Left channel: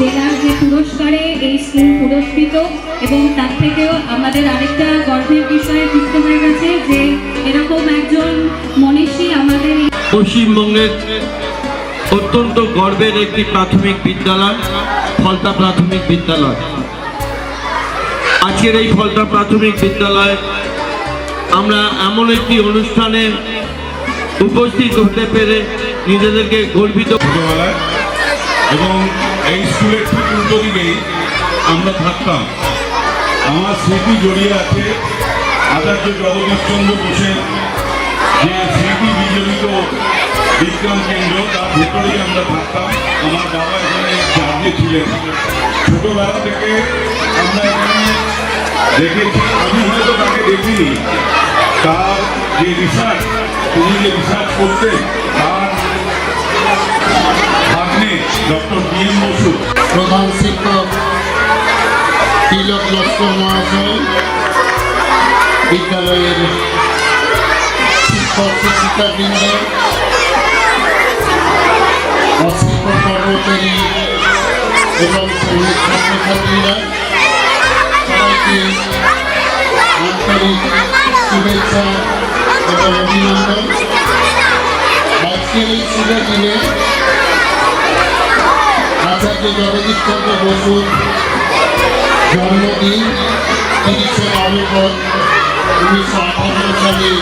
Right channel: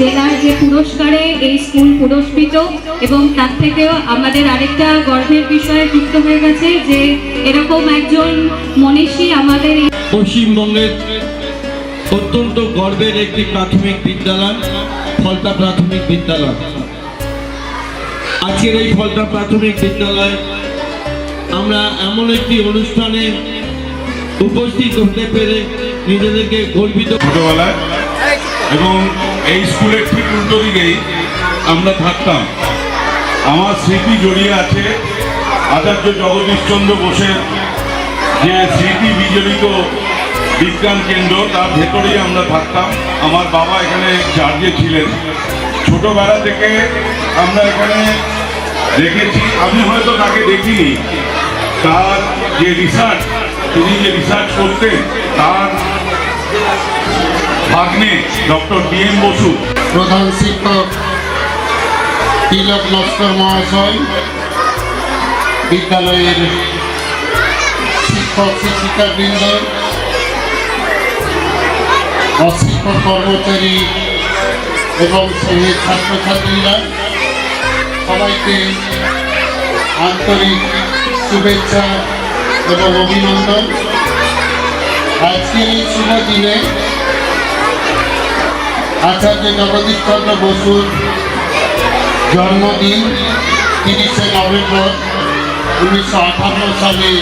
জেলার যে পুরস্কারে এই স্কুল পুরস্কৃত, এবং তার থেকেও আমাদের আরেকটা গর্বের বিষয় যুক্ত হয়ে গেছে যে এরকম একজন মনীষী আমাদের পশ্চিমবঙ্গের অত্যন্ত গর্বের একটি প্রাথমিক বিদ্যালয় ফলতা প্রাথমিক বিদ্যালয়। আজকের এই ফলতা প্রাথমিক বিদ্যালয় আমরা এমন একটি অনুষ্ঠানে উপস্থিত হতে পেরে নিজেদেরকে গর্বিত। ছোটবেলায় এবং এই স্কুলের ঠিক উল্টো দিকেই আমরা থাকতাম। আমার স্মৃতি জড়িয়ে আছে আচার্য জগদীশচন্দ্র বোসের যে স্মৃতি বিজড়িত বিজ্ঞান কেন্দ্র, তার ভেতরেই আমরা থাকতাম। আমার বাবা এখানে চার্জে ছিলেন। ছোটবেলা থেকে আমরা এখানে দেখেছি, আমি হয়তো তাকে দেখিনি, তার যে রিসার্চ, তিনি যে রিসার্চ করতেন, তার ভাগ্নে ডক্টর বি.এন. বসু, প্রধান শিক্ষক তিলক লস্কর মহাশয়, বিদ্যালয়ের শিক্ষক শিক্ষিকাবৃন্দ, অশিক্ষক কর্মচারী এবং শ্রেণীর ছাত্রছাত্রীরা, সবাইকে আন্তরিক শুভেচ্ছা এবং অভিনন্দন। আজকের এই শুভ দিনে আচার্য জগদীশচন্দ্র বসুর জন্মদিন ৩০শে নভেম্বর ১৯৫৮ সালে।